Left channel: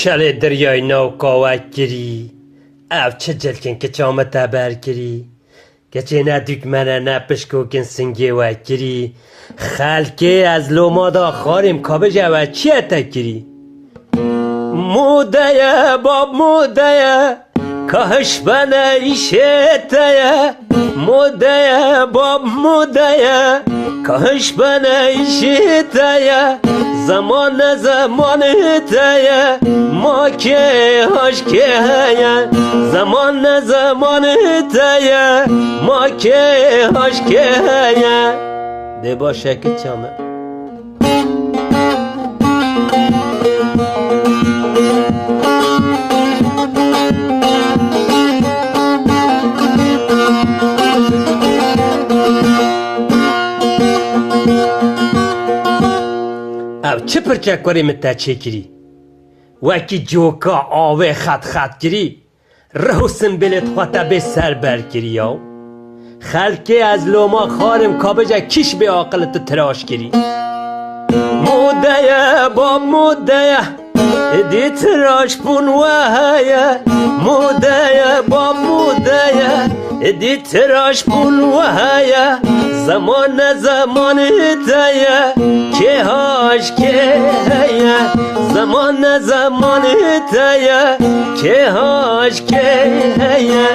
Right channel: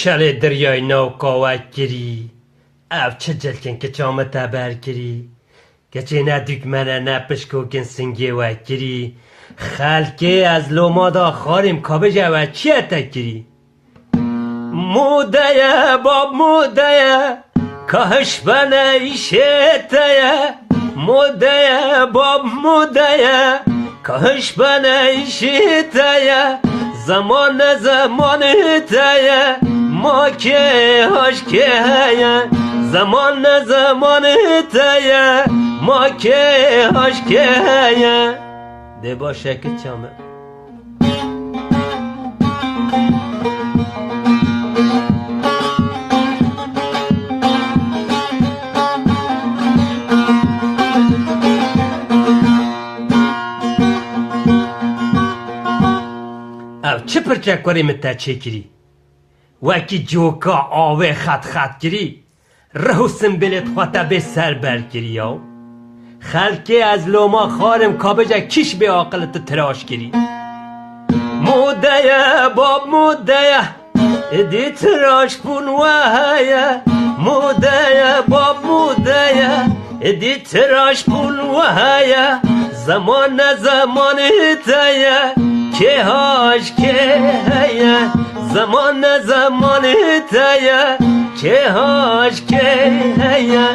شل دریای نو قوت گیری او چه جلکن که چامه تبر گیری گچه ندوک منه نپشکو کن سنگی و گیری خلکه از لوما دا خاریم کابه جوه چیه تکیری موده باب موده کاش بنه ایشته موده باب موده کاش بنه ایشته زمان تایه ما که هاش که هیه زمان تایه ما که هاش که هیه ده باشه که چامه او چه پرچک کاری متا چه کری وکی جوکا آوه خط کری رهو سنبلت خواتا به سر بر کری یا خلکه از لوما خارم کابجا کش به عاقلت تراش کری موده باب موده دی تراش پون وحایه موده باب موده دی تراش پون وحایه زمان تایه که هاش که هیه زمان تایه که هاش که هیه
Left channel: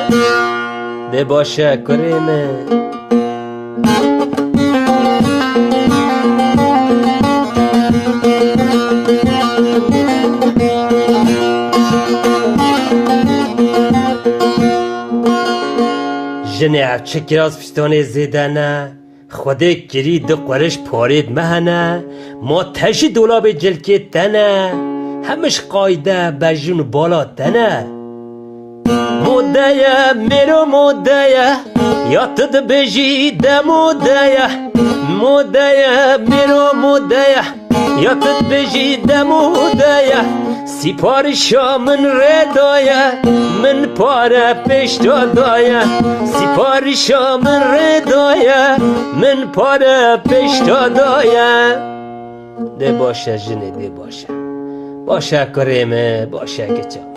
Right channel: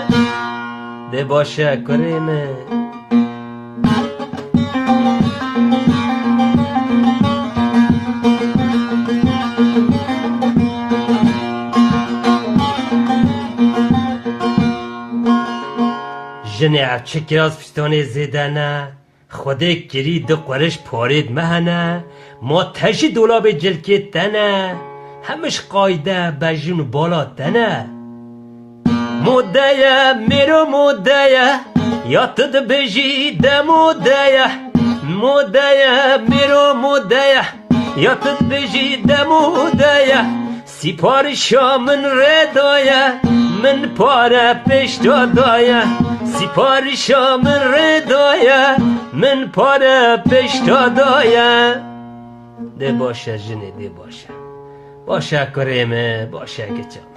ده باشه کریمه جنه چه کراز پشتانه زیده نه خوده گری ده قرش پارید مهنه ما تشی دولاب جلکت تنه همش قایده بجون بالا تنه موده میرو موده یا تد بجی ده موده موده میرو موده یا تد بجی ده موده سیپارشا من ردایه من پاره پیش دادایه سیپارشا من ردایه من پاره پیش دادایه ده باشه جنه ده باشه باشه کریمه باشه که چم